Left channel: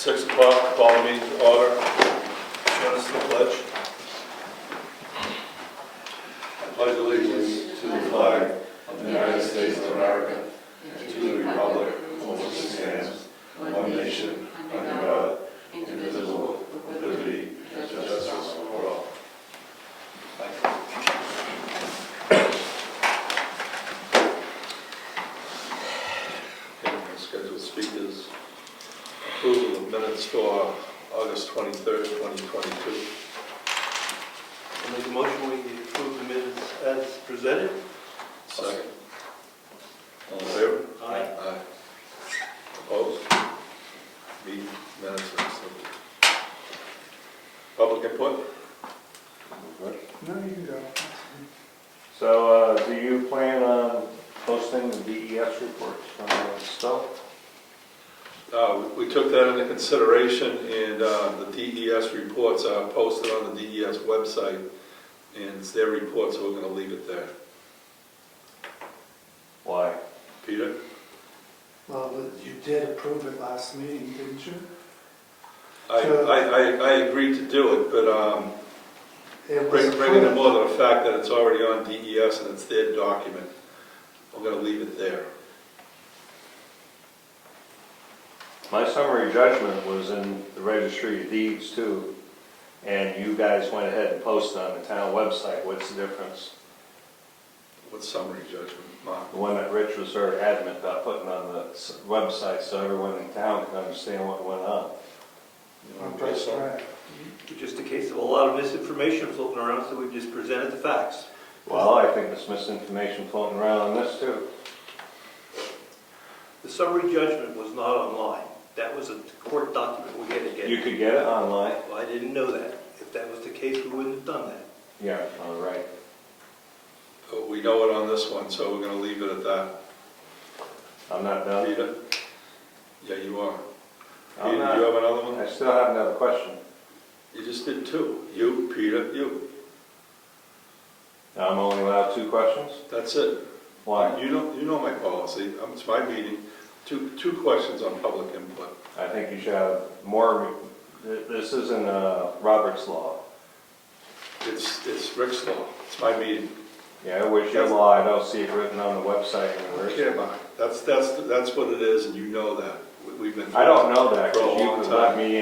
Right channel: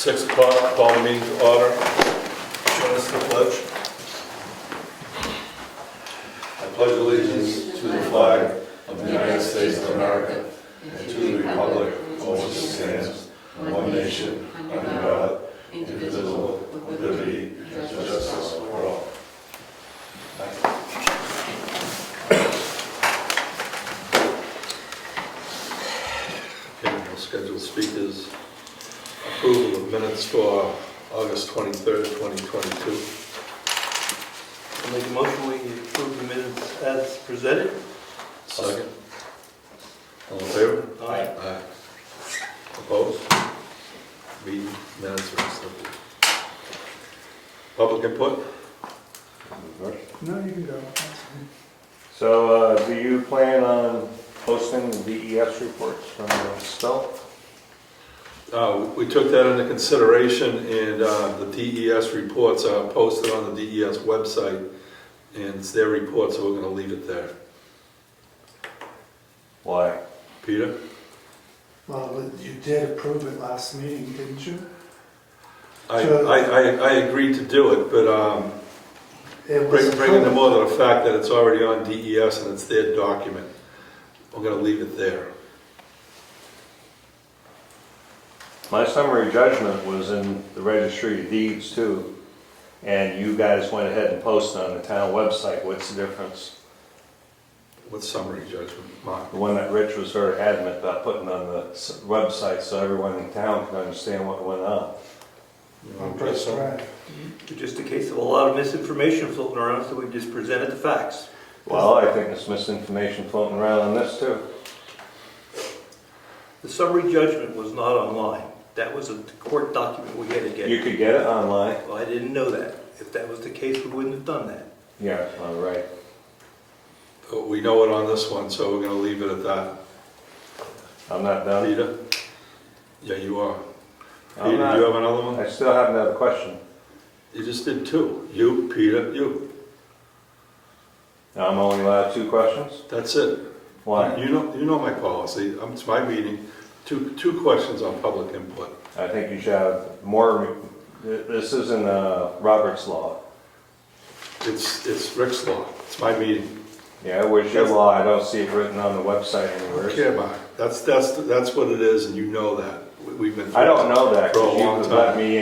6 o'clock, call the meeting to order. Join us for the pledge. I pledge allegiance to the flag of the United States of America and to the republic for which it stands, one nation, under God, indivisible, with liberty and justice for all. Okay, we'll schedule speakers. Approval of minutes for August 23rd, 2022. I'll make a motion, we approve the minutes as presented. Second. All in favor? Aye. Aye. Opposed? Meeting minutes are accepted. Public input? No, you can go. So, do you plan on posting the DES reports from the spill? We took that into consideration, and the DES reports are posted on the DES website, and it's their report, so we're going to leave it there. Why? Peter? Well, you did approve it last meeting, didn't you? I agreed to do it, but It was bringing to approved. more to the fact that it's already on DES and it's their document, we're going to leave it there. My summary judgment was in the registry of deeds too, and you guys went ahead and posted on the town website. What's the difference? What summary judgment, Mark? The one that Rich was very adamant about putting on the website so everyone in town can understand what went on. You Oh, want to that's say something? right. It's just a case of a lot of misinformation floating around, so we just presented the facts. Well, I think there's misinformation floating around on this too. The summary judgment was not online. That was a court document we had to get. You could get it online. Well, I didn't know that. If that was the case, we wouldn't have done that. Yeah, all right. But we know it on this one, so we're going to leave it at that. I'm not done. Peter? Yeah, you are. I'm Peter, not. do you have another one? I still have another question. You just did 2. You, Peter, you. I'm only allowed 2 questions? That's it. Why? You know my policy. It's my meeting. Two questions on public input. I think you should have more. This isn't Robert's law. It's Rick's law. It's my meeting. Yeah, which your law, I don't see it written on the website anywhere. Okay, Mark. That's what it is, and you know that. We've been. I don't know that For a because you long would time. let me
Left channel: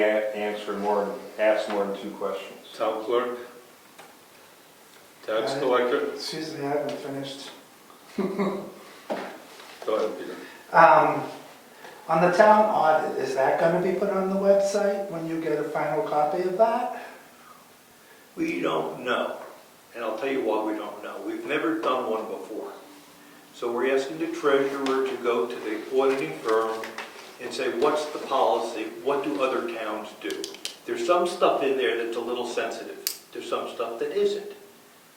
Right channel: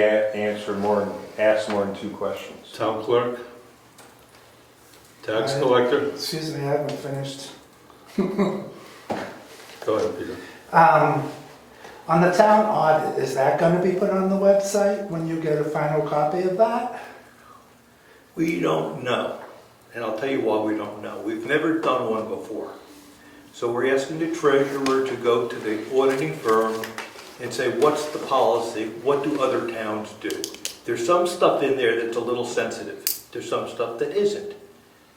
ask more than 2 questions. Town clerk? Tax collector? Excuse me, I haven't finished. Go ahead, Peter. On the town audit, is that going to be put on the website when you get a final copy of that? We don't know. And I'll tell you why we don't know. We've never done one before. So we're asking the treasurer to go to the auditing firm and say, what's the policy? What do other towns do? There's some stuff in there that's a little sensitive. There's some stuff that isn't.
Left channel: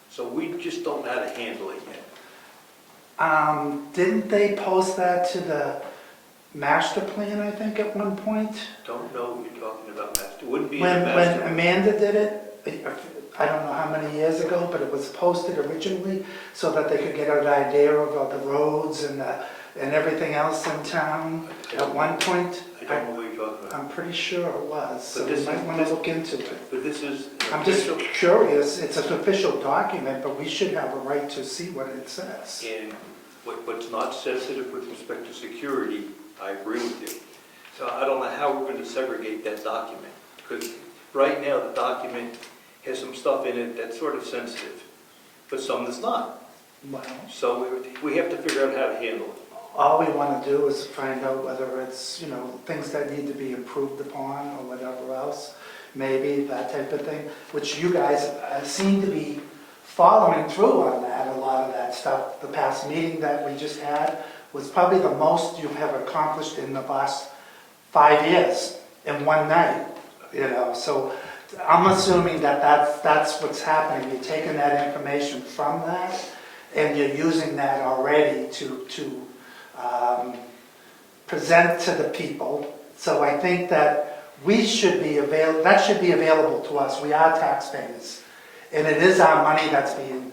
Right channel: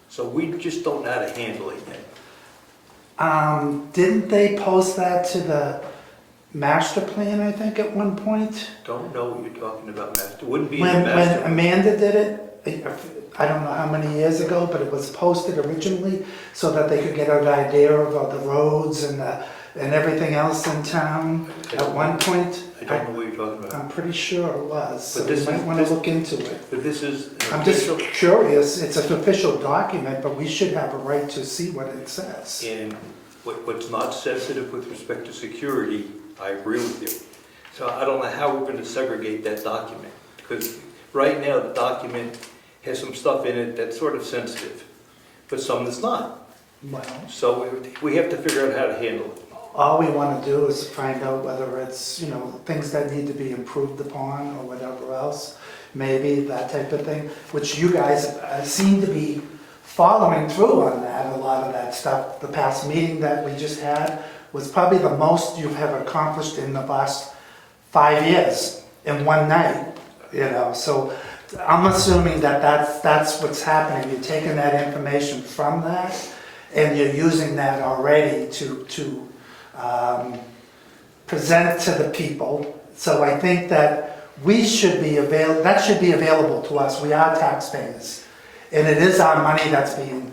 So we just don't know how to handle it yet. Didn't they post that to the master plan, I think, at one point? Don't know what you're talking about, Master. It wouldn't be in When the master. Amanda did it, I don't know how many years ago, but it was posted originally so that they could get an idea of the roads and everything else in town at one point. I don't know what you're talking about. I'm pretty sure it was, so But you this might is- want to look into it. But this is an I'm just official, curious, it's an official document, but we should have a right to see what it says. and what's not sensitive with respect to security, I agree with you. So I don't know how we're going to segregate that document, because right now the document has some stuff in it that's sort of sensitive, but some that's not. Well, So we have to figure out how to handle it. all we want to do is find out whether it's, things that need to be improved upon or whatever else, maybe that type of thing, which you guys seem to be following through on that, a lot of that stuff. The past meeting that we just had was probably the most you have accomplished in the last 5 years in one night, So I'm assuming that that's what's happening. You're taking that information from that and you're using that already to present to the people. So I think that that should be available to us. We are taxpayers. And it is our money that's being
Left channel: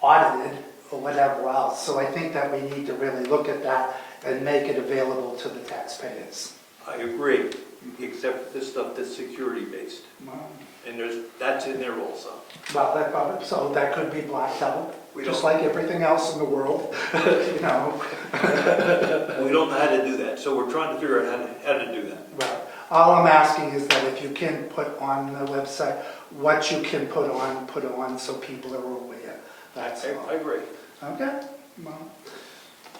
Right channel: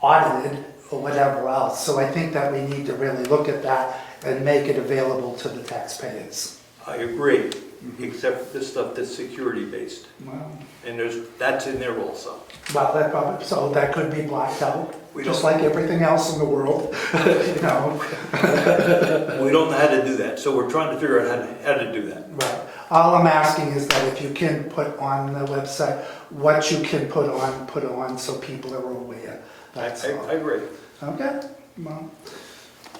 audited or whatever else. So I think that we need to really look at that and make it available to the taxpayers. I agree. except for the stuff that's security-based. Well, And that's in there also. that probably, so that could be blacked out, We just don't- like everything else in the world, you know. We don't know how to do that, so we're trying to figure out how to do that. Right. All I'm asking is that if you can put on the website, what you can put on so people are aware. That's all. I agree. Okay? Well,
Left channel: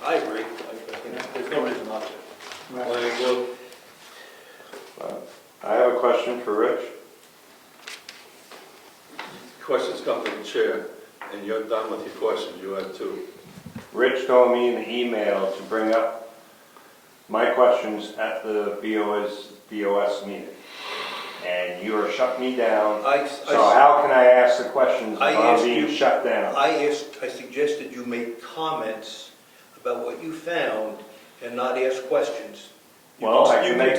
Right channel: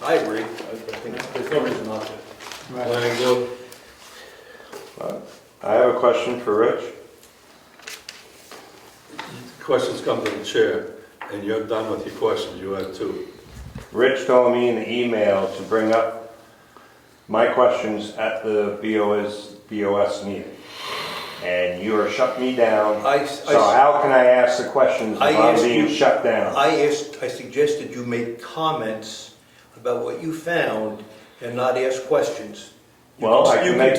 I agree. I think there's no reason not to. right. Planning board? I have a question for Rich. Questions come to the chair, and you're done with your questions, you have two. Rich told me in the email to bring up my questions at the BOS meeting. And you are shut me down. So how can I ask the questions if I I'm asked being you- shut down? I suggested you make comments about what you found and not ask questions. You Well, can- I you can make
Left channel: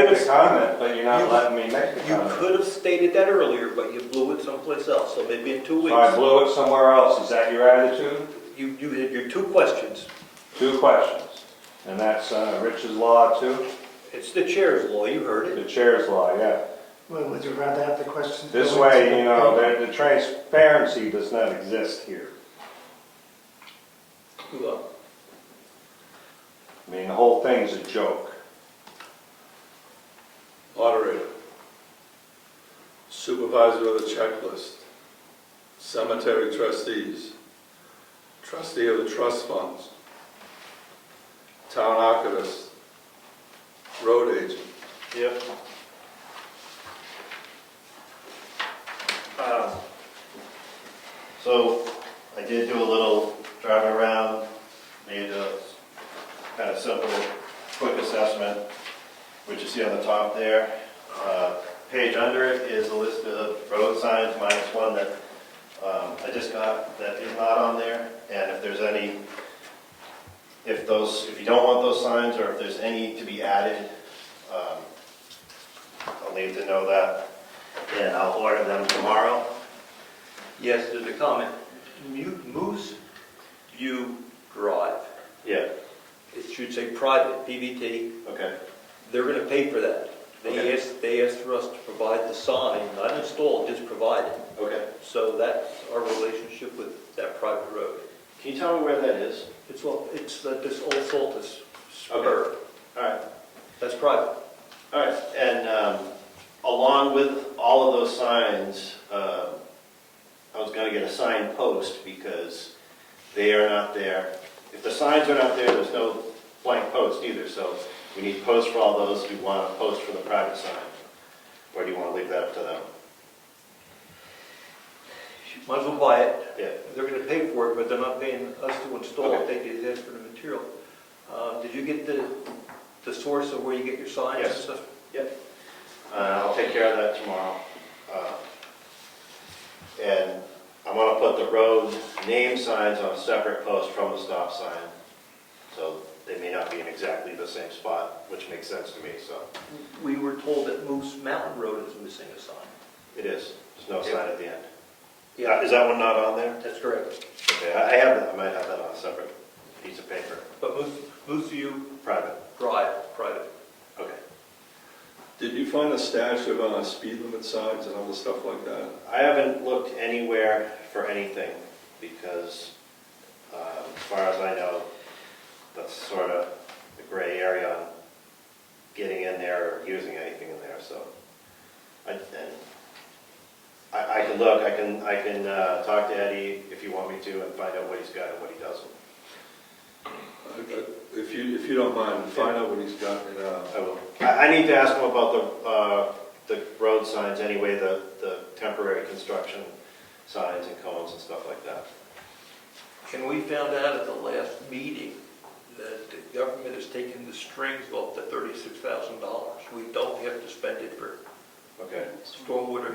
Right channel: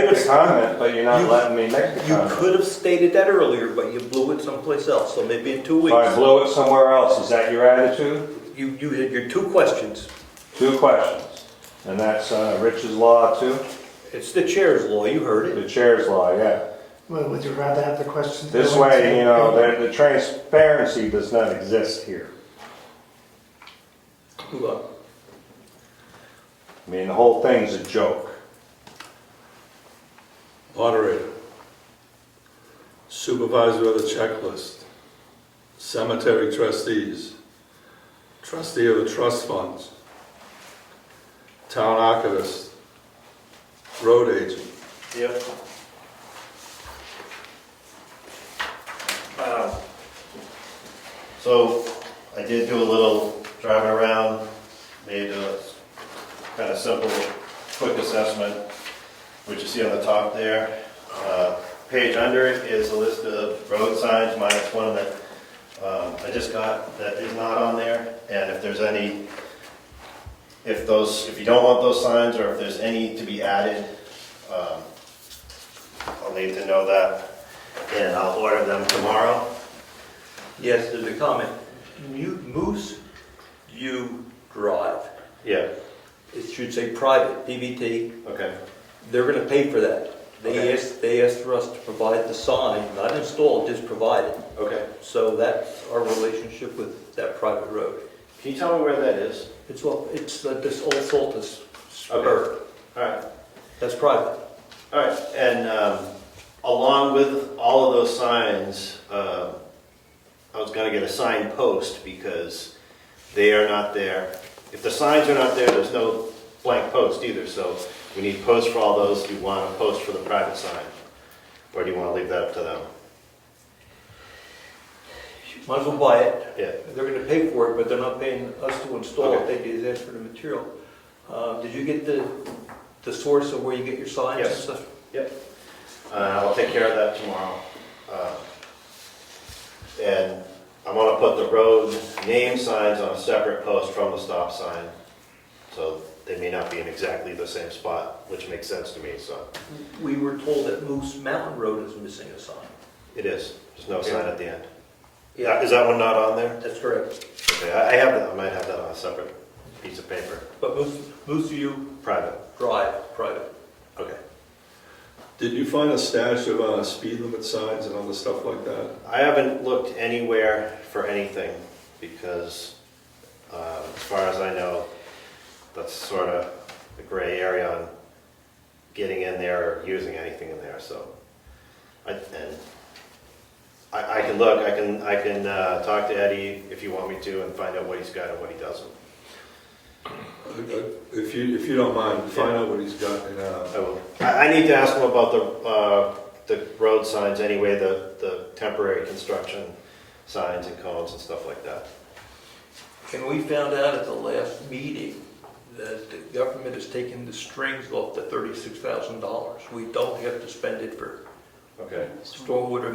give the us- comment, but you're not you- letting me make the You comment. could have stated that earlier, but you blew it someplace else, so maybe in 2 weeks. So I blew it somewhere else. Is that your attitude? You had your 2 questions. 2 questions. And that's Rich's law too? It's the chair's law, you heard it. The chair's law, yeah. Well, would you rather have the questions? This go into way, you know, the- the transparency does not exist here. Well, I mean, the whole thing's a joke. Moderator. Supervisor of the checklist. Cemetery trustees. Trustee of the trust funds. Town archivist. Road agent. Yep. So I did do a little driving around, made a kind of simple, quick assessment, which you see on the top there. Page under it is a list of road signs minus one that I just got that is not on there. And if there's any, if you don't want those signs or if there's any to be added, I'll need to know that, and I'll order them tomorrow. yes, there's a comment. Moose View Drive. Yeah, It should say private, PVT. okay, They're gonna pay for that. Okay. They asked for us to provide the sign, not install, just provide it. okay. So that's our relationship with that private road. Can you tell me where that is? It's this old Saltus spur. All right, That's private. all right. And along with all of those signs, I was gonna get a sign post because they are not there. If the signs are not there, there's no blank post either, so we need posts for all those. Do you want a post for the private sign? Or do you want to leave that up to them? Might as well buy it. Yeah. They're gonna pay for it, but they're not paying us to install it. Okay. They just ask for the material. Did you get the source of where you get your signs and Yes. stuff? I'll take care of that tomorrow. And I'm gonna put the road name signs on a separate post from the stop sign. So they may not be in exactly the same spot, which makes sense to me, so. We were told that Moose Mountain Road is missing a sign. It is, there's no sign at the end. Yeah, Is that one not on there? that's correct. Okay, I have that, I might have that on a separate piece of paper, But Moose View private. Drive, private. Okay. Did you find a stash of speed limit signs and other stuff like that? I haven't looked anywhere for anything because, as far as I know, that's sort of a gray area on getting in there or using anything in there. So, I can look. I can talk to Eddie if you want me to and find out what he's got and what he doesn't. If you don't mind, find out what he's got and I will. I need to ask him about the road signs anyway, the temporary construction signs and cones and stuff like that. And we found out at the last meeting that the government has taken the strings off the $36,000. We don't have to spend it for Okay. stormwater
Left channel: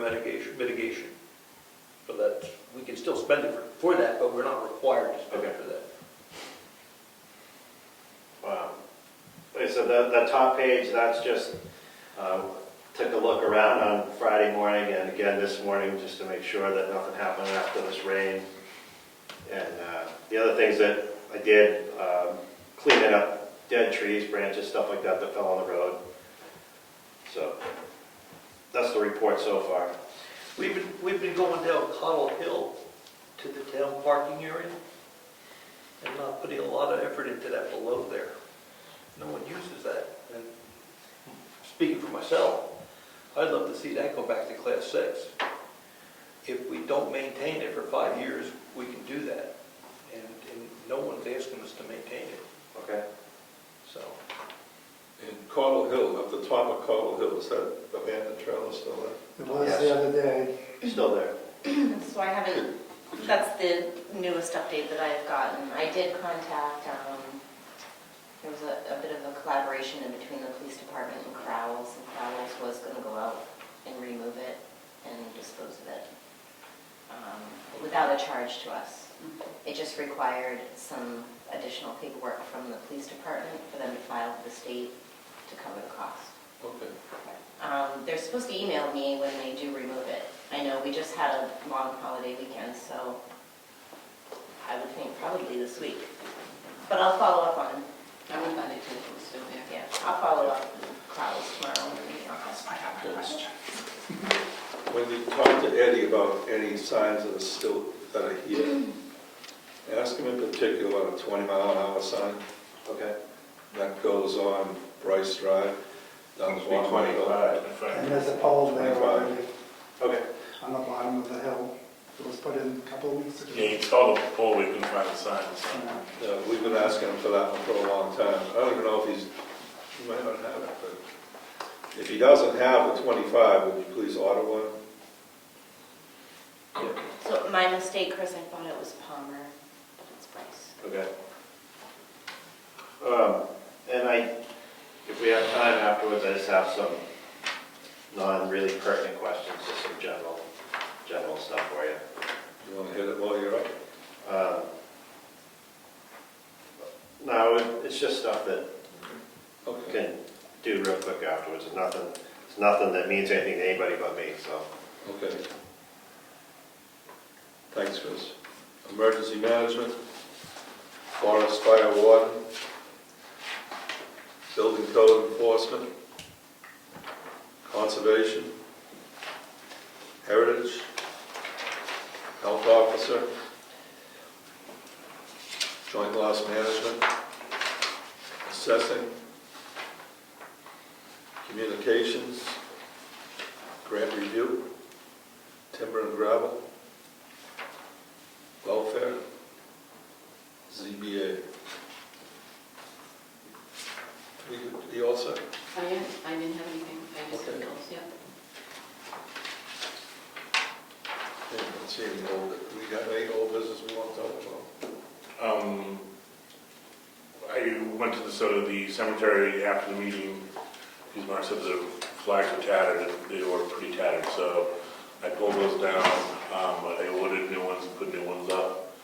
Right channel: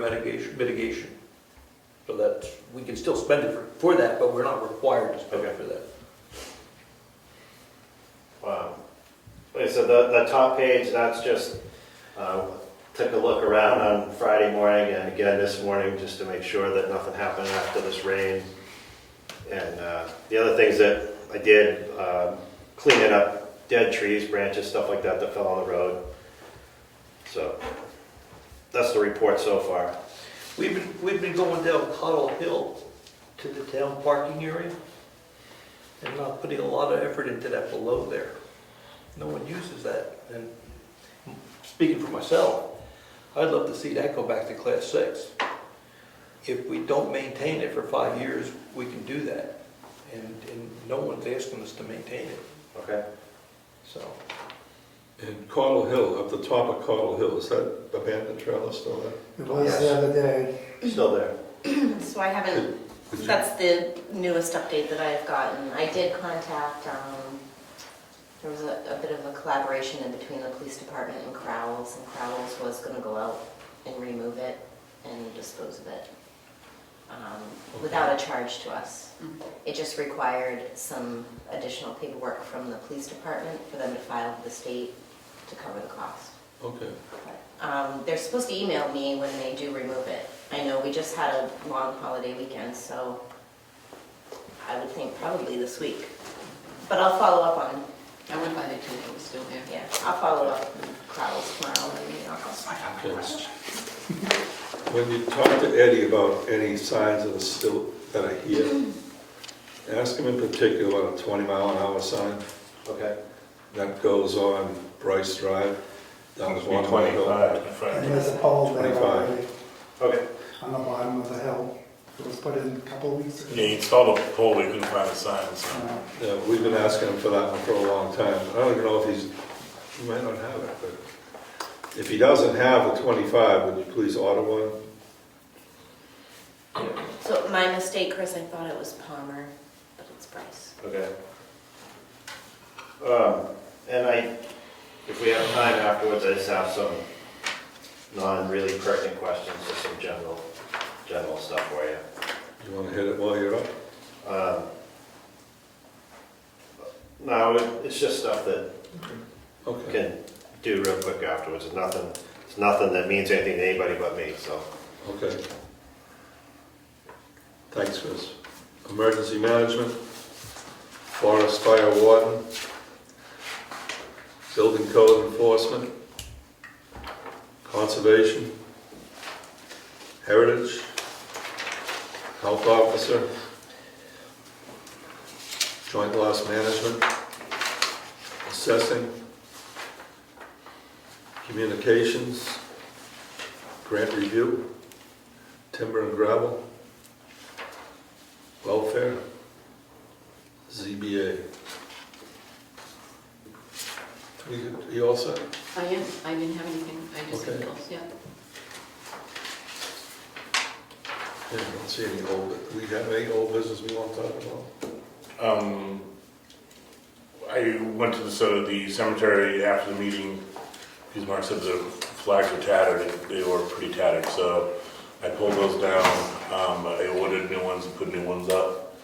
mitigation. So that, we can still spend it for that, but we're not required to spend it for that. Wow. Okay, so the top page, that's just, took a look around on Friday morning and again this morning just to make sure that nothing happened after this rain. And the other things that I did, cleaning up dead trees, branches, stuff like that that fell on the road. So, that's the report so far. We've been going down Cottle Hill to the town parking area and not putting a lot of effort into that below there. No one uses that, and speaking for myself, I'd love to see that go back to Class 6. If we don't maintain it for 5 years, we can do that, and no one's asking us to maintain it, Okay. so. And Cottle Hill, up the top of Cottle Hill, is that abandoned trailer still there? It was Yes. the other day. Still there. So I haven't, Did you- that's the newest update that I've gotten. I did contact, there was a bit of a collaboration in between the police department and Crowell's was going to go out and remove it and dispose of it without a charge to us. It just required some additional paperwork from the police department for them to file with the state to cover the cost. Okay. They're supposed to email me when they do remove it. I know we just had a long holiday weekend, so I would think probably this week. But I'll follow up on, I went by there today, it was still there. yeah, I'll follow up with Crowell's tomorrow in the office. Okay. When you talk to Eddie about any signs that are still, that are here, ask him in particular about a 20-mile-an-hour sign Okay. that goes on Bryce Drive. Down Must the be bottom of the hill. 25. And there's a pole there 25. already Okay. on the bottom of the hill. It was put in a couple of weeks ago. Yeah, you installed a pole, we couldn't find the sign, so. Yeah, we've been asking him for that one for a long time. I don't even know if he might not have it, but if he doesn't have the 25, would you please order one? So my mistake, Chris, I thought it was Palmer, but it's Bryce. Okay. And if we have time afterwards, I just have some non-really pertinent questions, just some general stuff for you. You want to hit it while you're up? No, it's just stuff that Okay. can do real quick afterwards. It's nothing that means anything to anybody but me, so. Okay. Thanks, Chris. Emergency management, forest fire warden, building code enforcement, conservation, heritage, health officer, joint loss management, assessing, communications, grant review, timber and gravel, welfare, ZBA. You all set? I didn't have anything, I just Okay. did else, yeah. Yeah, I don't see any we got any old business we want to talk about? I went to the cemetery after the meeting, because Mark said the flags were tattered, and they were pretty tattered, so I pulled those down. I ordered new ones and put new ones up.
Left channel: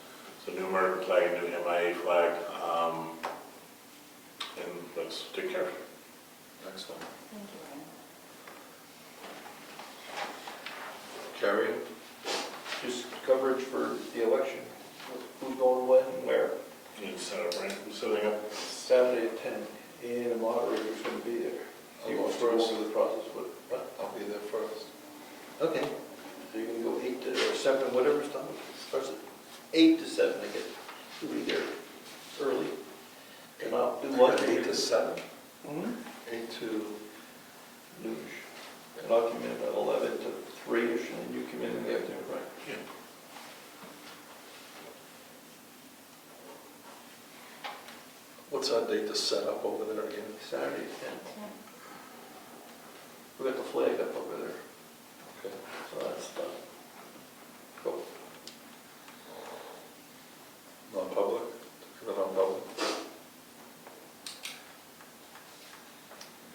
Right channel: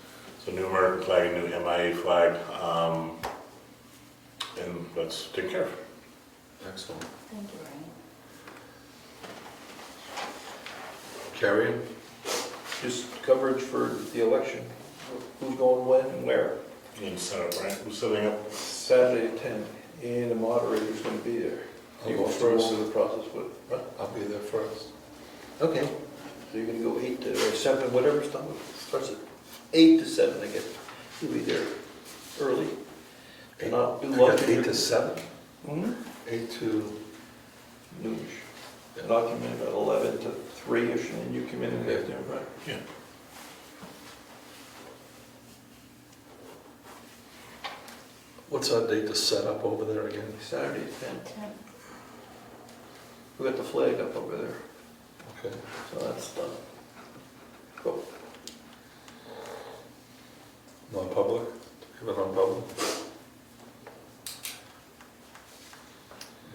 So new American flag, new MIA flag, and let's take care of it. Excellent. Thank you, Brian. Carrie? Just coverage for the election, who's going when and where. You need to set up, right? Who's setting up? Saturday at 10, and the moderator's going to be there. I'll You go can throw first. over the process, but, I'll be there first. okay. So you're going to go 8 to, or 7, whatever's done, starts at 8 to 7, I guess. You'll be there early. And I'll be I got lucky. 8 to 7? Hmm? 8 to... Noosh. And I'll come in at 11 to 3-ish, and you come in and get there, right? Yeah. What's our date to set up over there again? Saturday at 10. We got the flag up over there, Okay. so that's done. Cool. Non-public? Give it non-public?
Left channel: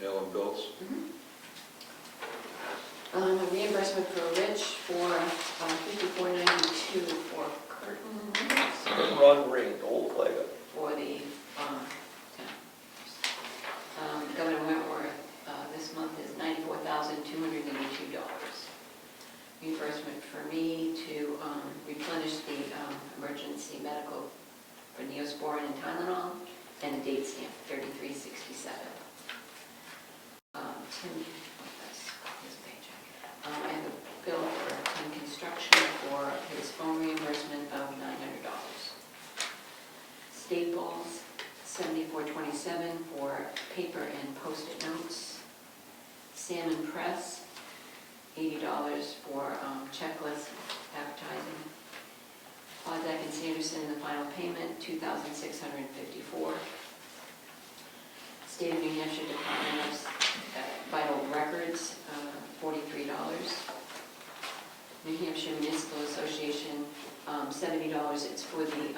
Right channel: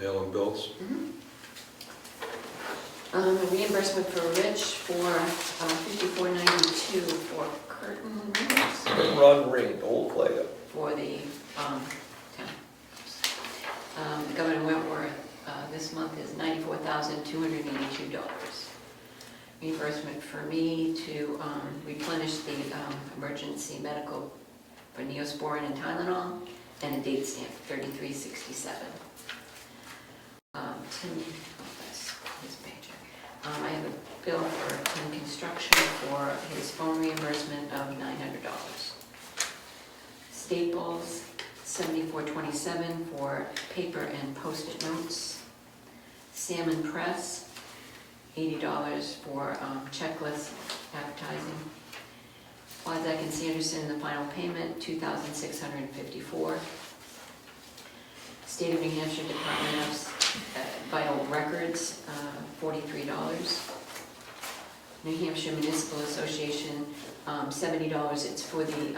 Mail and bills? A reimbursement for Rich for $54.92 for curtains Run ring, the whole flag up. for the town. Governor Wentworth, this month is $94,282. Reimbursement for me to replenish the emergency medical for Neosporin and Tylenol, and a date stamp, 3367. Tim Salmon Press, $80 for checklist advertising. Klondike and Sanderson, the final payment, $2,654. State of New Hampshire Department of Vital Records, $43. New Hampshire Municipal Association, $70. It's for the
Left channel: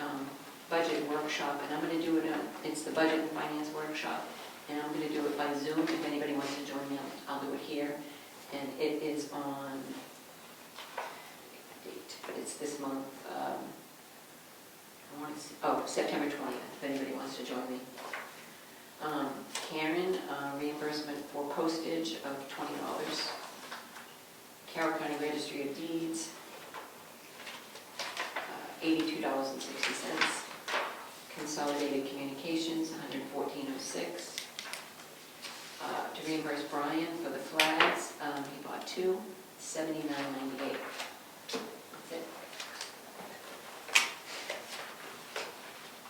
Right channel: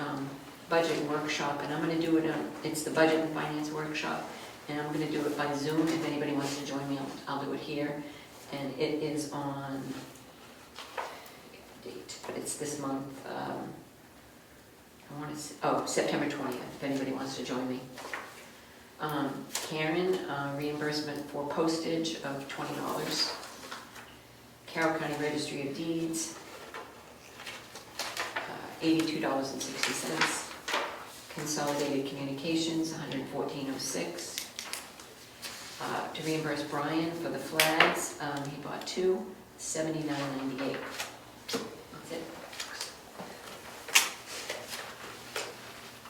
budget workshop, and I'm going to do it it's the budget and finance workshop, and I'm going to do it by Zoom. If anybody wants to join me, I'll do it here. And it is on, it's this month, September 20th, if anybody wants to join me. Karen, reimbursement for postage of $20. Carroll County Registry of Deeds, $82.60. Consolidated Communications, $114.06. To reimburse Brian for the flags, he bought two, $79.98. That's it.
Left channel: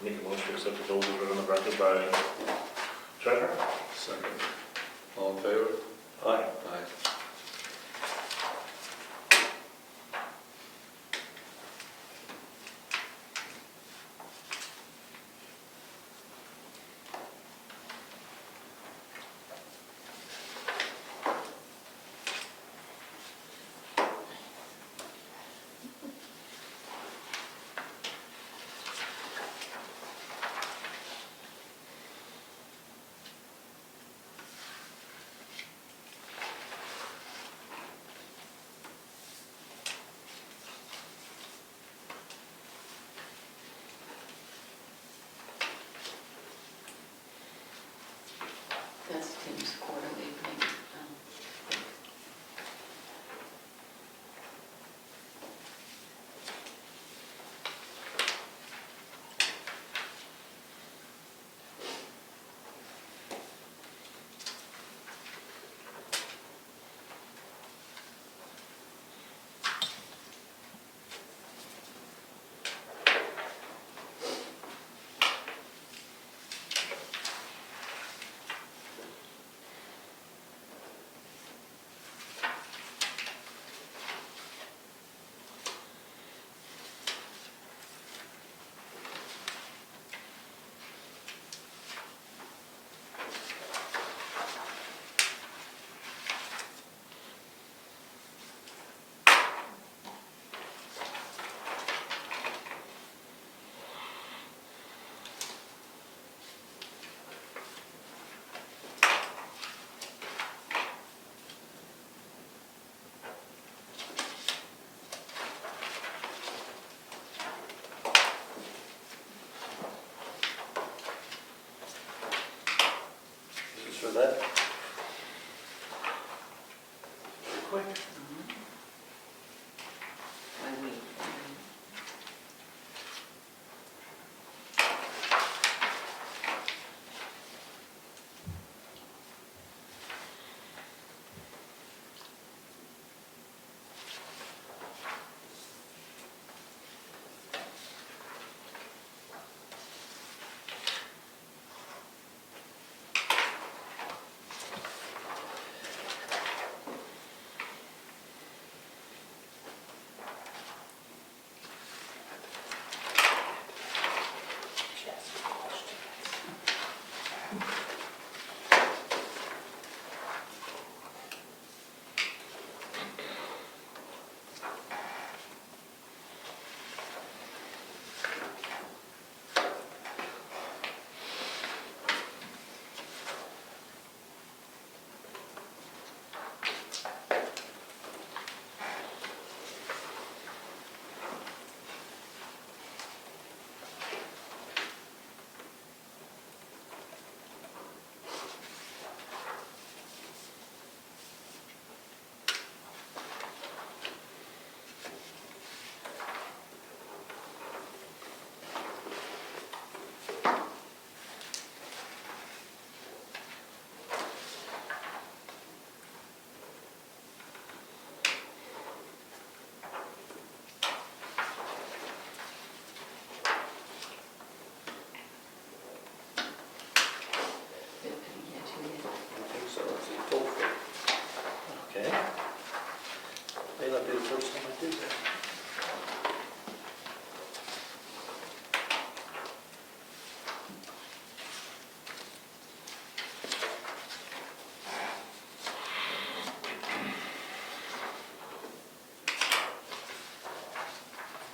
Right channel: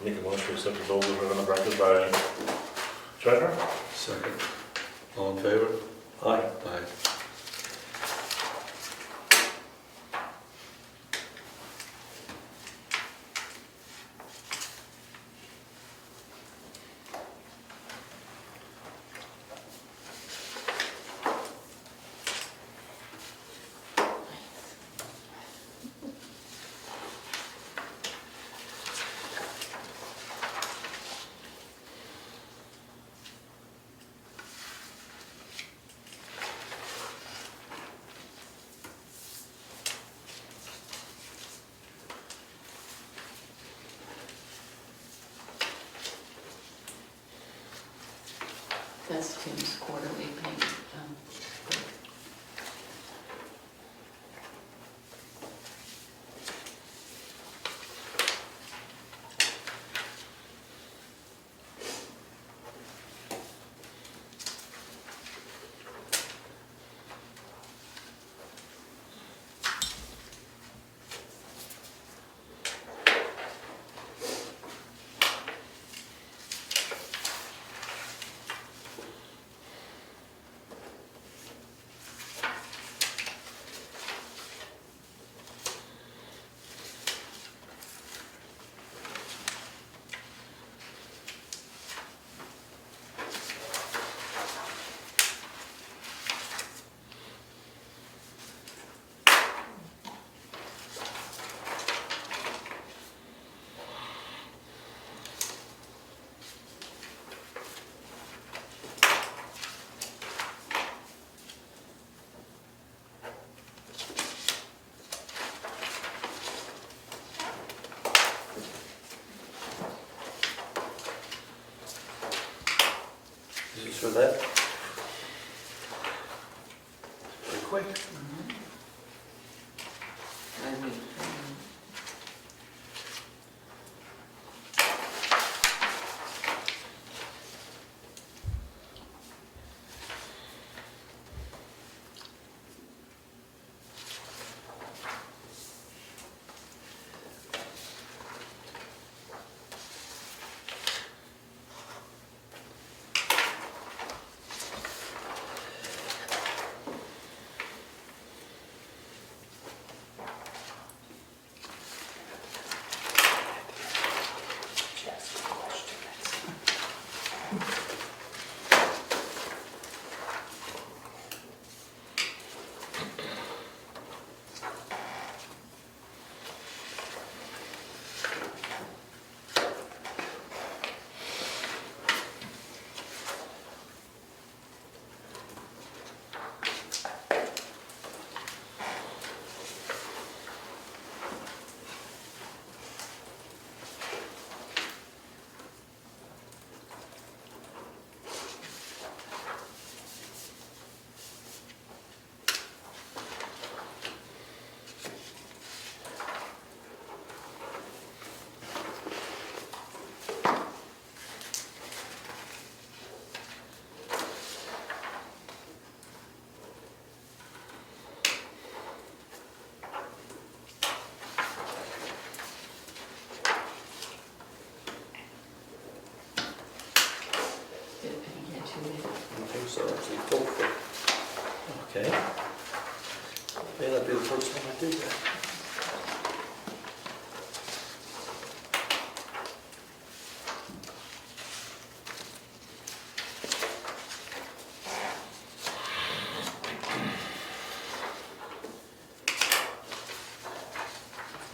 Make a motion to accept the bills as written on the record by treasurer. Second. All in favor? Aye. Aye. Okay. May not be the first time I do that.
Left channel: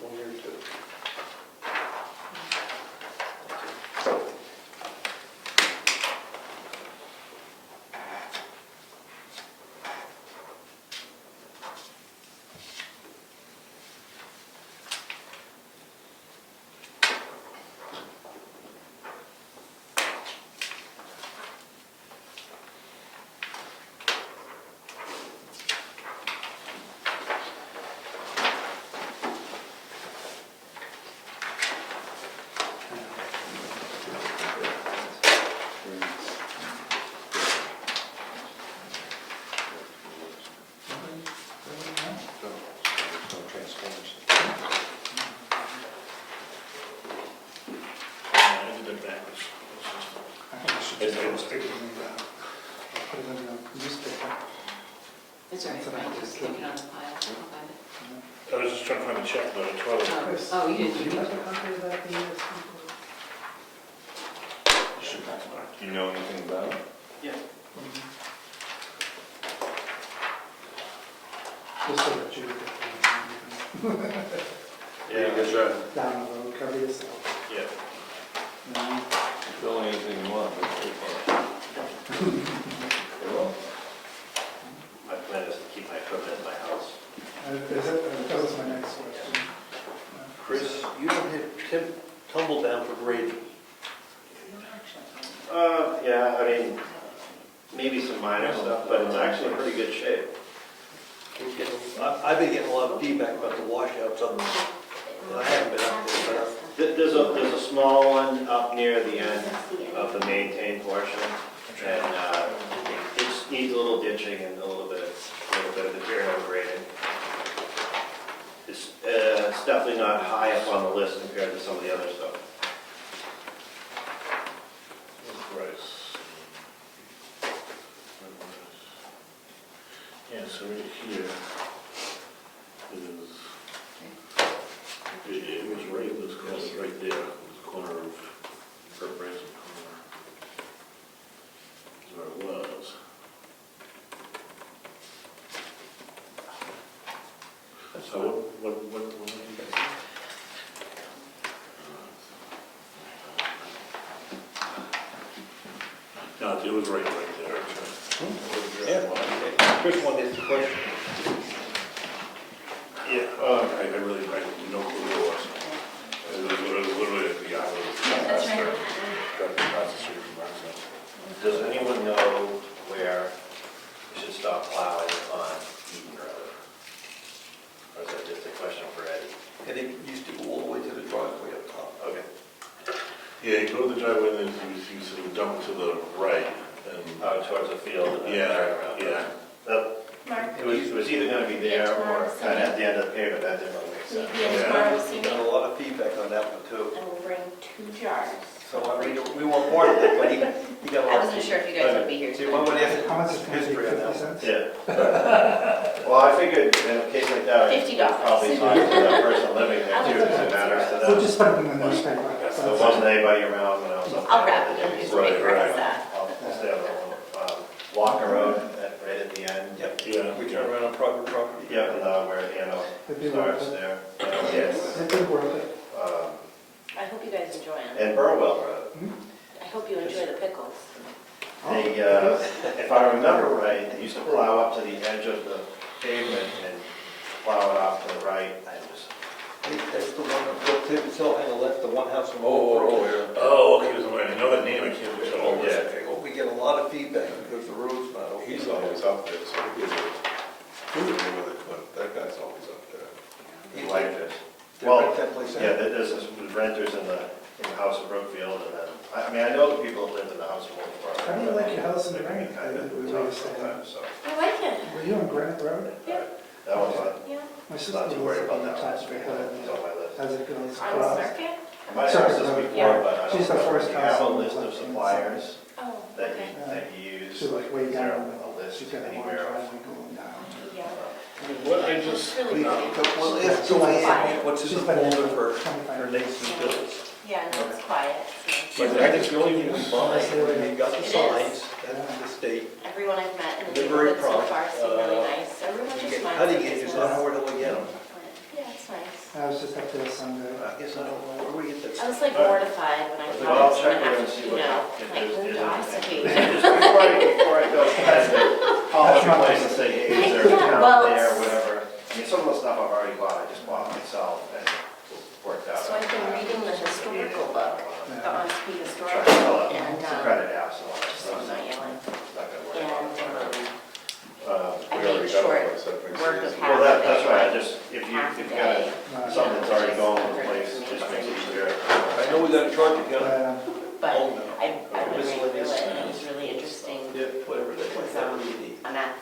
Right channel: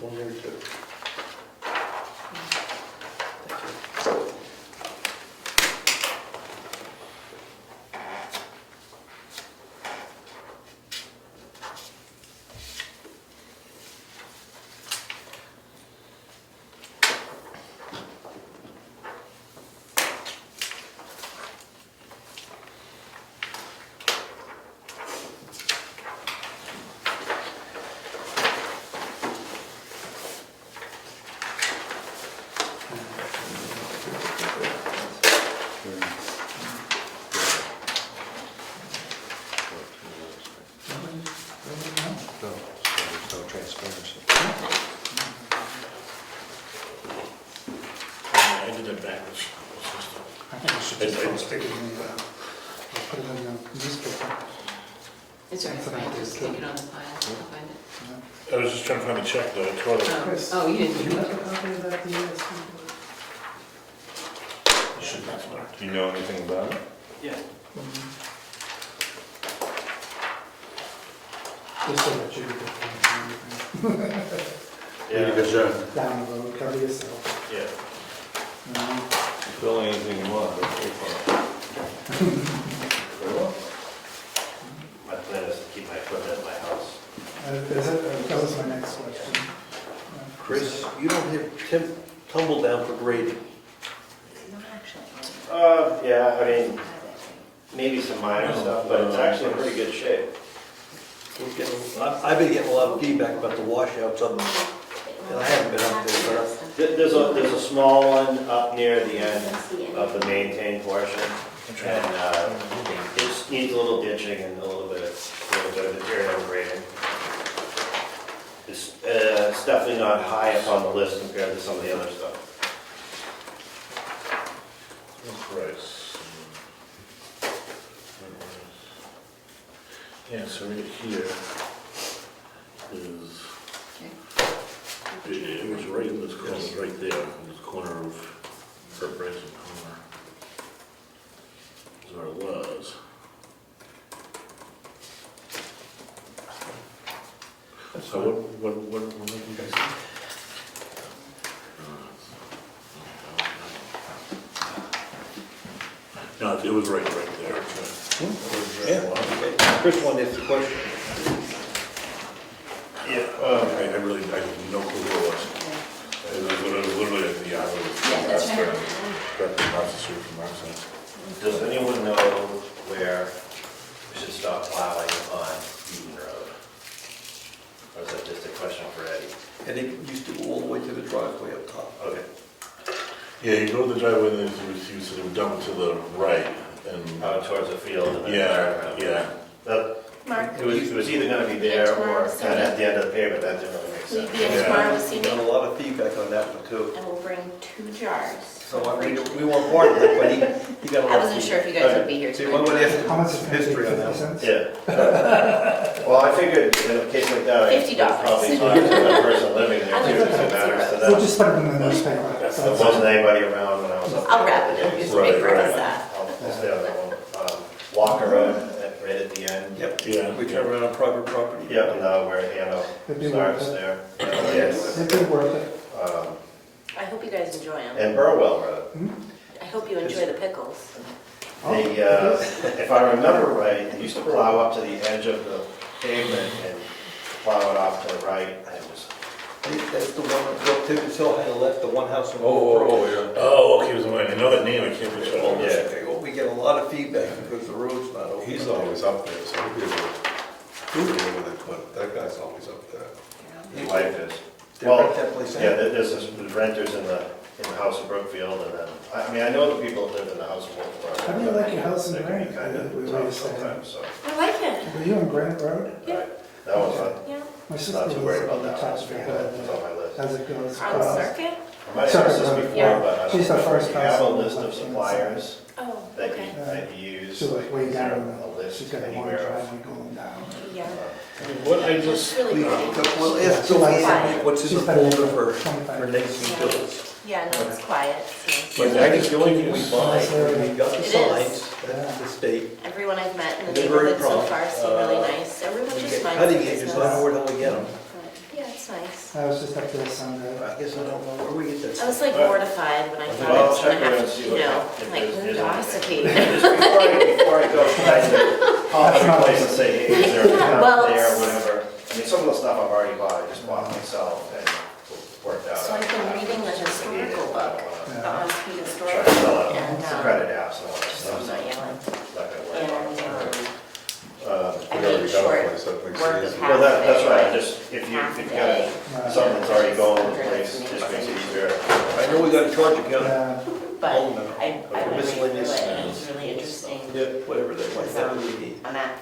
One or two. No, there's no transparency. I did that backwards. I think we should just stick it in the, I'll put it in the newspaper. It's all right, That's what I fine, did, just too. stick it on the pile, I'll find it. I was just trying to find the check though, it's rather. Chris, Oh, you do didn't. you have a copy of that DSP? Should be smart. Do you know anything about it? Just so that you can Yeah, Good job. down the road, cover yourself. yeah. Fill anything you want, but pay for it. My plan is to keep my equipment at my house. That was my next question. Chris, you don't have tumble down for grading. Yeah, I mean, maybe some minor stuff, but it's actually in pretty good shape. I've been getting a lot of feedback about the washouts up, and I haven't been up there, There's a small one up near the end of the maintained portion, and it needs a little ditching and a little bit of material grading. It's definitely not high up on the list compared to some of the other stuff. Price. Yeah, so right here is, it was right in this corner, right there, in this corner of Kurt Branson corner. Is where it was. So what did you guys say? No, it was right there. Chris wanted to question. Yeah. I really, I had no clue who it was. It was literally at the eye of That's right. right across the street from our side. Does anyone know where we should stop plowing on Eaton Road? Or is that just a question for Eddie? And it used to go all the way to the driveway up top. Okay. Yeah, you go to the driveway and then you sort of dump to the right and, Out towards the field and then turn yeah, around. yeah. But Mark, it was either gonna be there or kind of at the end of the pavement, that didn't really make will you sense. be in Yeah. tomorrow this We evening? got a lot of feedback on that one too. I will bring 2 jars. So we weren't part of it, but he got a I lot of wasn't sure if you guys would be here See, one tonight. would have How much is it going to be, history on that 50 one. cents? Yeah. Well, I figured in a case like that, I $50. would probably talk to that person living there I too, live so in it matters to We'll them. just put it in the newspaper. There wasn't anybody around when I was up there. I'll wrap it the in other day, so newspaper, right. how's that? I'll stay on that one. Walker Road, right at the end. Yep, Yeah. we turn around on private property. Yep, and now where Hano It'd be worth starts it. there. Yes. It'd be worth it. I hope you guys enjoy them. And Burwell Road. I hope you enjoy the pickles. Oh, They, it is? if I remember right, they used to plow up to the edge of the pavement and plow it off to the right and just, That's the one that built Tibbetts Hill had left, the one house on. Yeah. Oh, okay, I know that name, I can't picture it. Yeah. We get a lot of feedback because the road's not open. He's always up there, so he'll be able to, that guy's always up there. his wife is. They Well, rent that place out. yeah, there's renters in the house in Brookfield and then, I mean, I know the people that live in the house in Wolfboro. How do you like your house in They can be Granite? kind of We tough were saying. sometimes, so, I like it. Were you on Granite Road? Yeah. that one's fun. Yeah. My sister Not too lives worried about on the that top one, of the it's hill on my list. as it goes On the across. circuit? I might have said this Yeah. before, but I She's don't the know, first you have a house on the list of left-hand suppliers Oh, that okay. you, that you use, She was like, way is there down. a list just She's got a long anywhere. driveway going down. Yeah. What I It's just, really Well, pretty. if, So like- what's in the She's got a folder for 25. Lake's bills? Yeah, no, it's quiet. It's But nice. I just, the only thing we buy, Nice area. we got the It is. signs, that's the state. Everyone I've met in the They're very neighborhood so prompt. far seem really nice. Everyone You just get minds cutting their edges, business. not more till we get them. Yeah, it's nice. I was just up there Sunday. I guess I don't know where we get that. I was like mortified when I thought Well, I I'll was gonna check have around and to, see you what know, if like there's- move to Ossipee. Just before I go, call every place and say, hey, is there a Yeah, account well, there, or it's- whatever. I mean, some of the stuff I've already bought, I just bought myself and worked out. So I've been reading the historical book, the Ossipee Try historical to fill book, out and, the credit apps and all that just stuff. I'm not yelling. It's not gonna And, work. I We already made got short one, so it makes it work of easy. half Well, a that's right, day. just, if Half a you've day. got something that's already going in place, it just makes it easier. I know we got a charge account. But Oh, no. I really Miscellaneous. through it, and it was really interesting. Yeah, whatever they want, whatever we need. On that,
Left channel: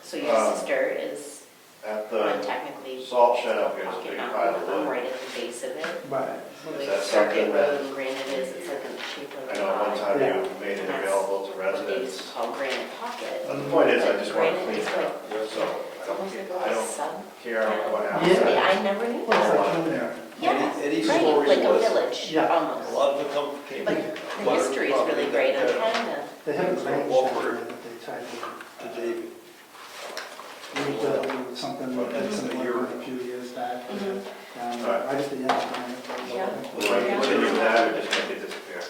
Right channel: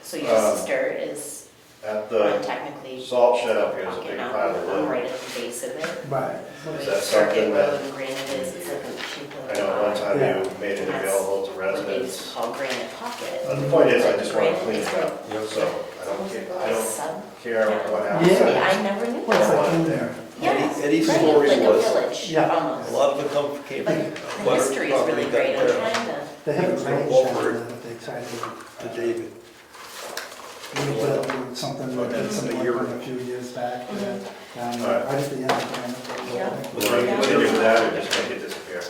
so your sister is At well, the technically. salt shed up here is a big talking pile of on- I'm wood. right at the base of it. Right. Where Is the that Circuit something Road that- and Granite is, it's like a cheap I little. know one time Yeah. you made it And that's available to What they used residents. to call Granite Pocket. But the point is, I just want to Granite clean is it like- up, so I It's don't almost like care, a I little don't sub. care what happens. Yeah. I never knew. Well, it's I like want it in there. Yes, Eddie's right, story like a was- village, Yeah. A almost. lot of it come, came But from the history is really great, I'm trying to. They have a drainage Walford center that they tried to to David. rebuild or something like that, something like that a few years back. Down there, right at the end of Granite Road. Yeah. Do I continue with that or just make it disappear?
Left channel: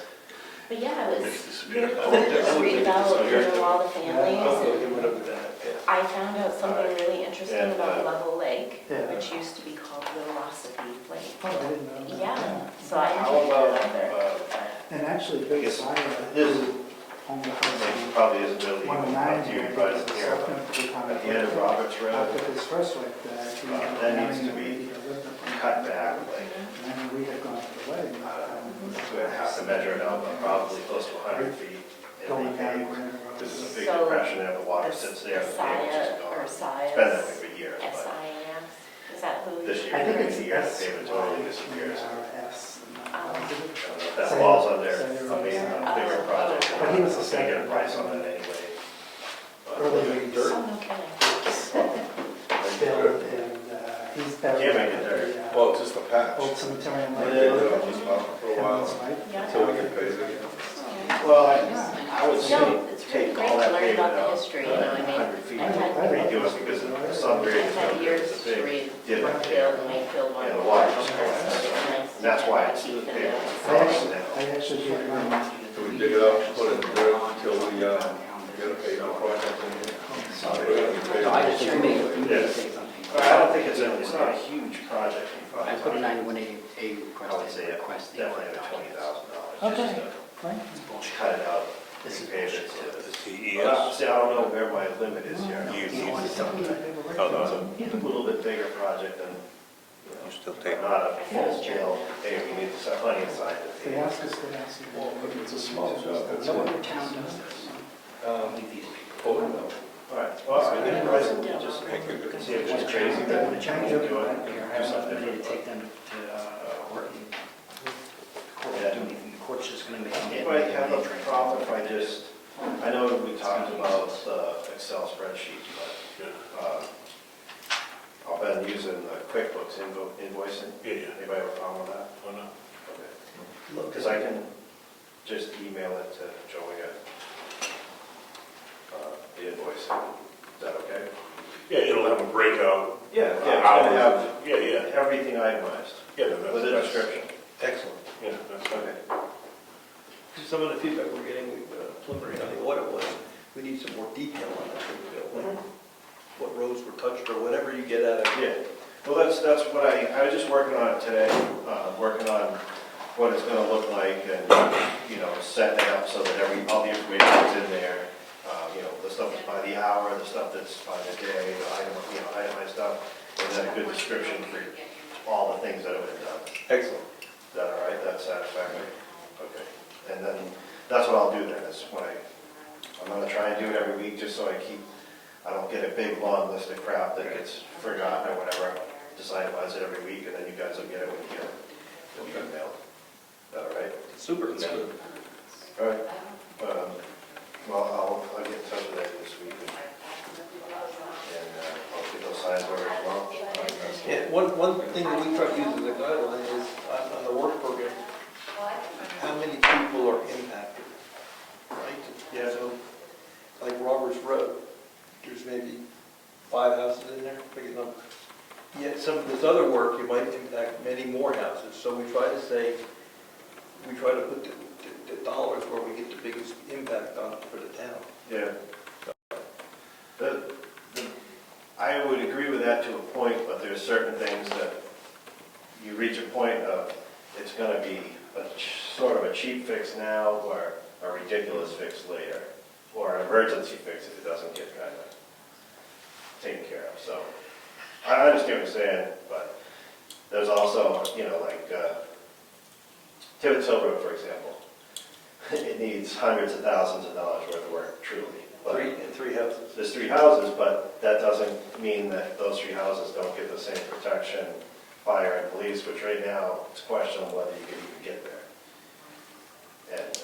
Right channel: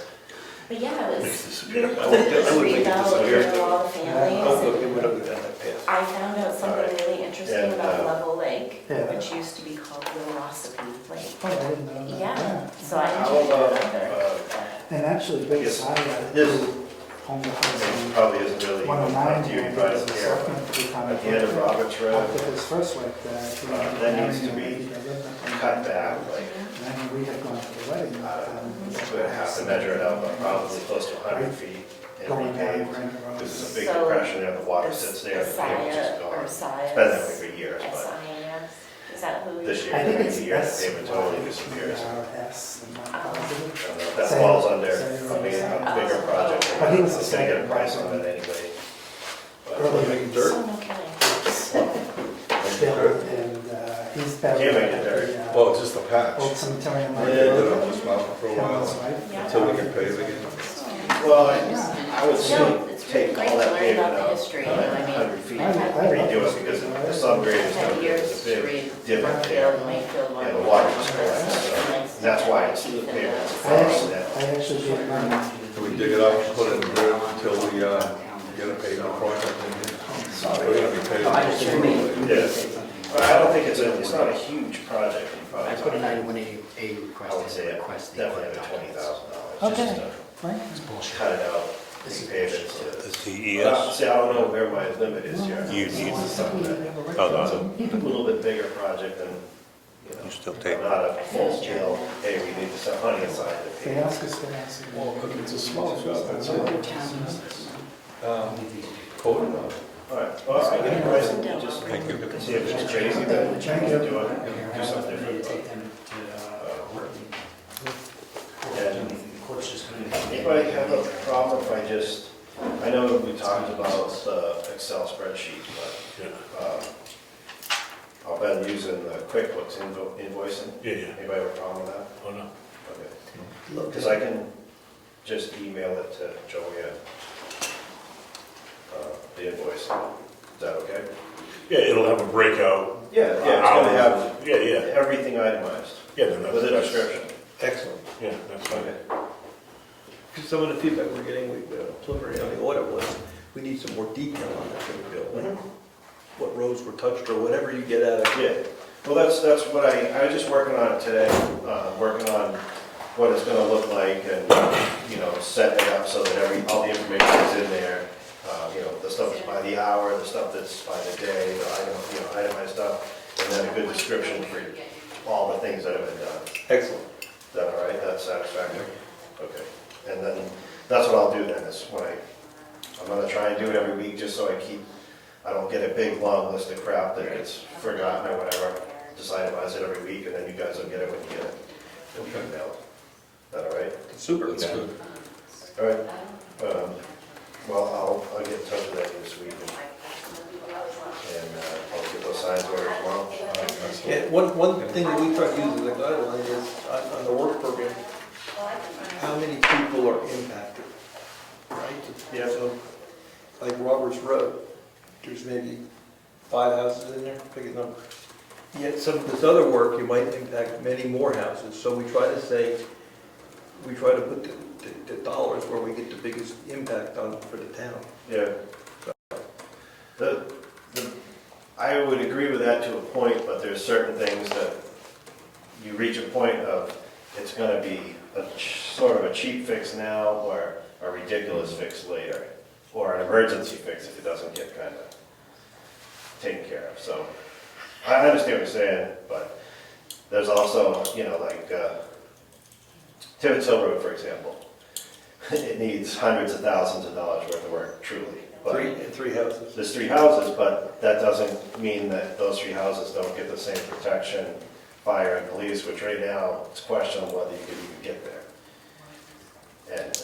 But yeah, it was disappear. really cool to read about, you know, all the Oh, families. okay, whatever that path. I found out something really interesting And, about Level Lake, Yeah. which used to be called Velocity Lake. Oh, I didn't know that. Yeah, so I How didn't know about, that. And actually, Bill Yes. Sire, This- who owned the house it on probably isn't really 109, up to you, he but was it's a here. selectman for the town At of the end of Brookfield. Roberts Road, After his first wife died, he that married needs to a be lady that lived up on cut that. back, like, And then we had gone to the wedding. we'd have to measure it out, but probably close to 100 feet. And Going down repave. Granite Road. This is a big So, depression there, the water sits there, the pavement is Saya, or gone. Saya. It's been that way for years, but SIAS, is that who? this year, I think it's the year, the S. pavement totally disappears. S, I'm not positive. That Saya- falls under, Saya I mean, was, a bigger project. But he was a I'm gonna get a second. price on that anyway. Earlier in Dirt? Oh, no kidding. Bill, and he's buried Can't make it at dirt. the Well, it's just a patch. old cemetery in We Lake did it Road. on this mountain for a Kevin's while, wife. until we get paved again. Well, I would say No, it's really take great all to that learn pavement about the out, history, you know, I mean. 100 feet, I love redo it this. because the subgrade is I've had gonna be, years it's a to big read divot Brookfield there. and Mayfield one. And the water just collects, so Nice. that's why it's the Keep it, pavement. I actually gave mine. So we dig it up, put it in dirt until we get a pavement project in here. We're gonna be paving. Yes. But I don't think it's not a huge project. You probably I put a talking- 91A request. I would say request. definitely like $20,000. Okay. Just to Right? cut it out, repave it. Is the See, I don't know where my limit is here. You need- This is something that- Oh, no, a little bit bigger project than, you still take, not a full scale, hey, we need some money aside. They ask us to ask. Well, but it's a small job, that's all. Quoted them. All right, well, I'll get a price and just thank you. see if it's crazy, then we can do it, do something different. Take them to work. Yeah. The court's just gonna make. Anybody have a problem if I just, I know we talked about the Excel spreadsheet, but I've been using the QuickBooks invoicing. Yeah. Anybody have a problem with that? Oh, no. Okay. Because I can just email it to Joanne, the invoice. Is that okay? Yeah, it'll have a breakout. Yeah, it's gonna have Yeah, yeah, everything itemized yeah, then that's. with a that's- description. Excellent. Yeah, that's fine. Okay. Some of the feedback we're getting, preliminary on the audit was, we need some more detail on that thing, Bill. What roads were touched or whatever you get out of it. Yeah, well, that's what I was just working on it today, working on what it's gonna look like and, setting it up so that all the information is in there. The stuff that's by the hour, the stuff that's by the day, the itemized stuff, and then a good description for all the things that have been done. Excellent. Is that all right? That's satisfactory? Okay. And then, that's what I'll do then, is I'm gonna try and do it every week, just so I don't get a big, long list of crap that gets forgotten or whatever. Just itemize it every week, and then you guys will get it when you get it. It'll be emailed. Is that all right? Super. That's good. All right. Well, I'll get in touch with Eddie this week and signs order tomorrow. Yeah, one thing that we try to use as a guideline is on the work program, how many people are impacted, right? Yeah. So, like Roberts Road, there's maybe 5 houses in there, pick a number. Yet some of this other work, you might impact many more houses, so we try to put the dollars where we get the biggest impact on for the town. Yeah. I would agree with that to a point, but there's certain things that you reach a point of, it's gonna be sort of a cheap fix now or a ridiculous fix later, or an emergency fix if it doesn't get kind of taken care of. So I understand what you're saying, but there's also, like Tibbetts Hill Road, for example. It needs hundreds of thousands of dollars worth of work, truly. But Three houses. there's 3 houses, but that doesn't mean that those 3 houses don't get the same protection, fire and police, which right now it's questionable whether you could even get there. And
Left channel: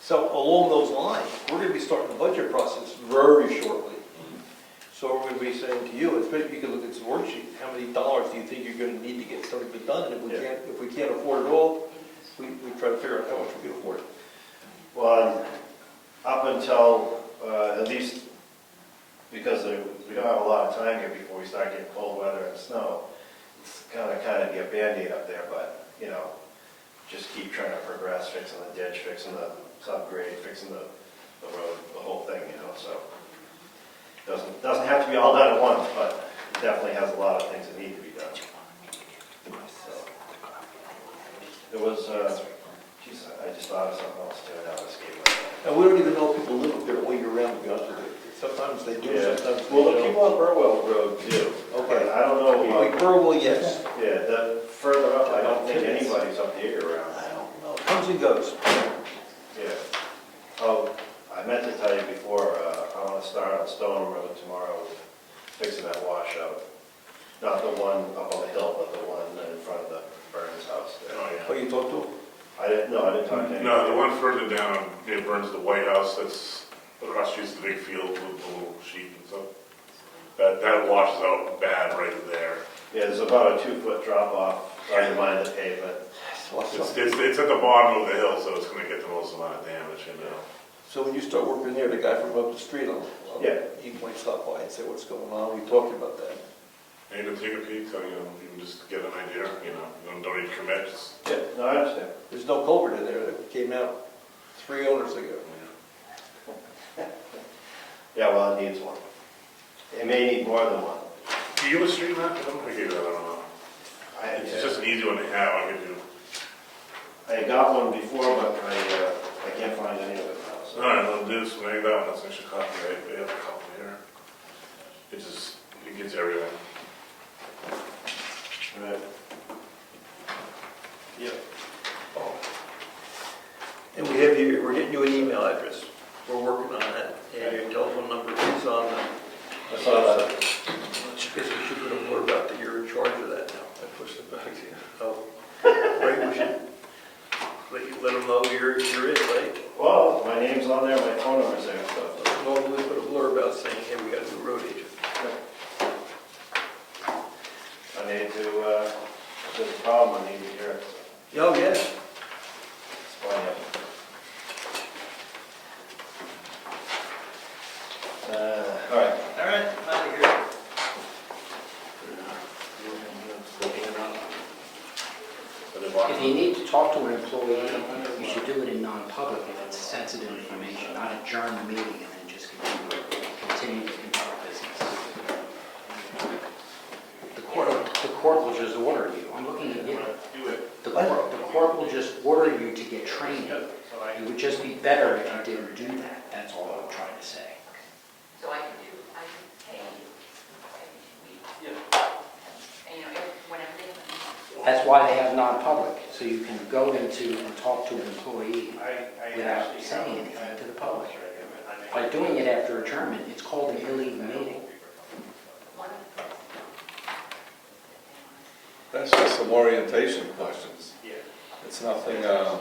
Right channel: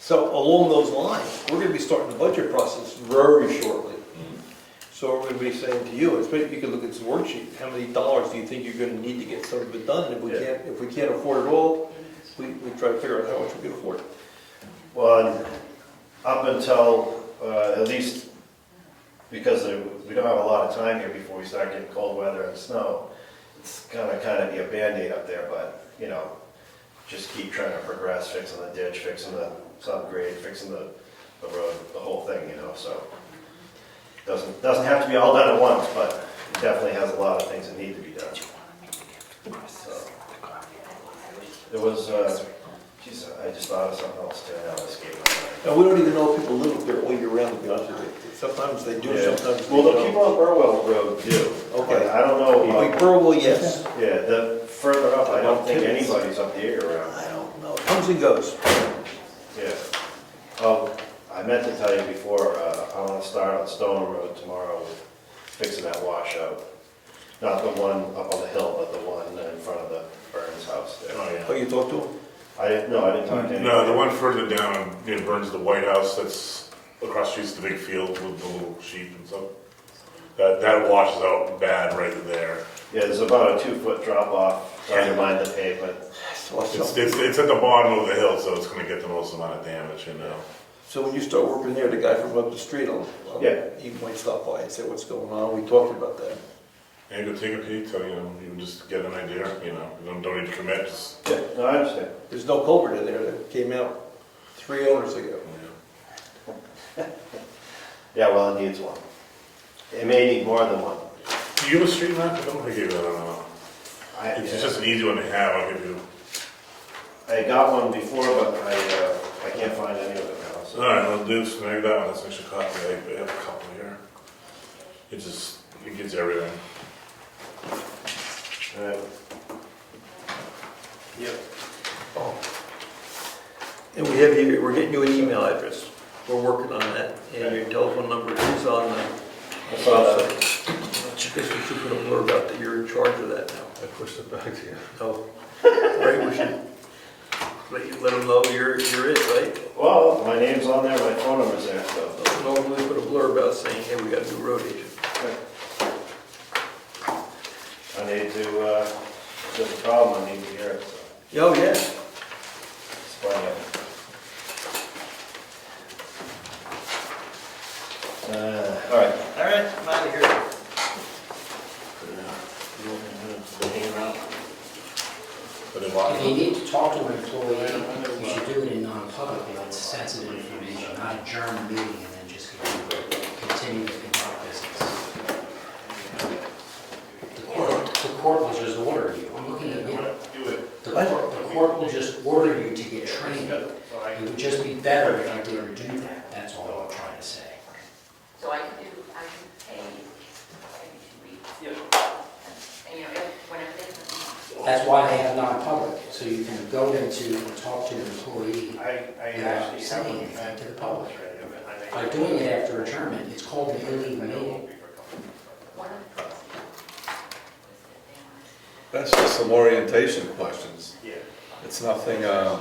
So along those lines, we're gonna be starting the budget process very shortly. So we're gonna be saying to you, especially you can look at this worksheet, how many dollars do you think you're gonna need to get some of it done? And if we can't afford it all, we try to figure out how much we can afford. well, up until at least, because we don't have a lot of time here before we start getting cold weather and snow, it's gonna kind of be a Band-Aid up there, but, just keep trying to progress, fixing the ditch, fixing the subgrade, fixing the road, the whole thing, so. Doesn't have to be all done at once, but it definitely has a lot of things that need to be done. So, there was, geez, I just thought of something else too, now it escaped my mind. And we don't even know if people live up there all year round, to be honest with you. Sometimes they do, Yeah. sometimes they Well, the don't. people on Burwell Road do. Okay. I don't know Like about, Burwell, yes. yeah, the further up, I don't think anybody's up the year-round. I don't know, it comes and goes. Yeah. Oh, I meant to tell you before, I want to start on Stone Road tomorrow with fixing that washout. Not the one up on the hill, but the one in front of the Burns house there. Oh, Oh, yeah. you talked to them? I didn't talk to anybody. No, the one further down near Burns, the White House, that's across the street, the big field with the little sheep and stuff. That washes out bad right there. Yeah, there's about a 2-foot drop off underneath the pavement. It's at the bottom of the hill, so it's gonna get the most amount of damage, So when you start working there, the guy from up the street, Yeah. he might stop by and say what's going on. We talked about that. And you could take a peek, so, even just get an idea, you don't need to commit, just, Yeah, no, I understand. There's no culvert in there that came out 3 owners ago. Yeah, well, it needs one. It may need more than one. do you have a street map? I don't think you do, I don't know. It's just an easy one to have, I'll give you. I got one before, but I can't find any of it now. So. All right, well, do this, maybe that one, that's an extra copy, I have a couple here. It gives you everything. All right. Yep. Oh. And we're getting you an email address. We're working on that. And your telephone number is on the. I saw that. I guess we should put a blurb out that you're in charge of that now. I pushed it back to you. Oh, right, we should let them know you're it, right? Well, my name's on there, my phone number's there, so. Normally put a blurb out saying, hey, we got a new road agent. I need to, if there's a problem, I need to hear it, so. Oh, yeah. It's plenty of it. All right. All right, I'm out of here. If you need to talk to an employee, you should do it in non-public if it's sensitive information, not adjourn the meeting and then just continue to conduct business. The court will just order you. I'm looking at you. The court will just order you to get trained. It would just be better if you didn't do that. That's all I'm trying to say. So I can pay every 2 weeks. Whenever they. That's why they have non-public, so you can go into and talk to an employee without saying anything to the public. By doing it after adjournment, it's called an illegal meeting. That's just some orientation questions. It's nothing, yeah.